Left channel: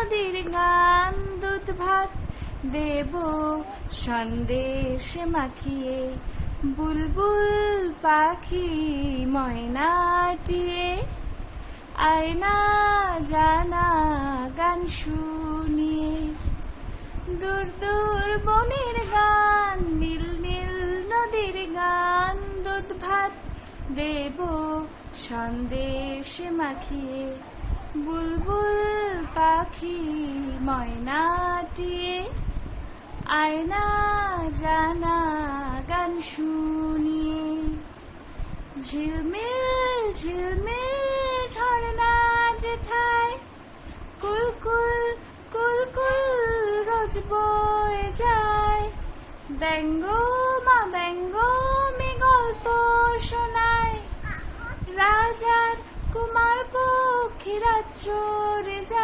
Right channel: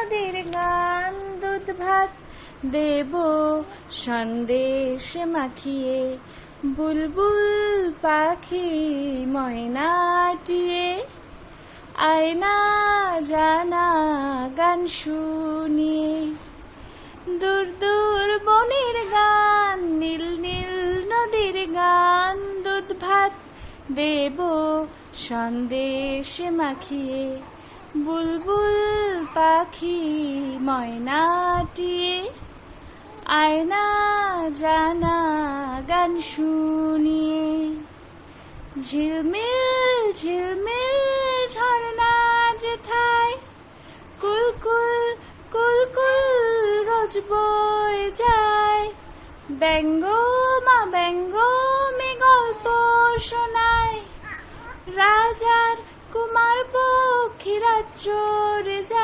নদীর গান দুধ ভাত দেব সন্দেশ মাখিয়ে, বুলবুল পাখি ময়নাটিয়ে, আয়না জানা গান শুনিয়ে। দূর দূর বনের গান, নীল নীল নদীর গান, দুধ ভাত দেব সন্দেশ মাখিয়ে, বুলবুল পাখি ময়নাটিয়ে, আয়না জানা গান শুনিয়ে। ঝিলমিল ঝিলমিল ঝর্ণা যেথায়, কুলকুল কুলকুল রোজ বয়ে যায়, ব্যঙ্গ মা ব্যঙ্গ মে গল্প শোনায়, রাজার কুমার পক্ষীরা চড়ে যায়।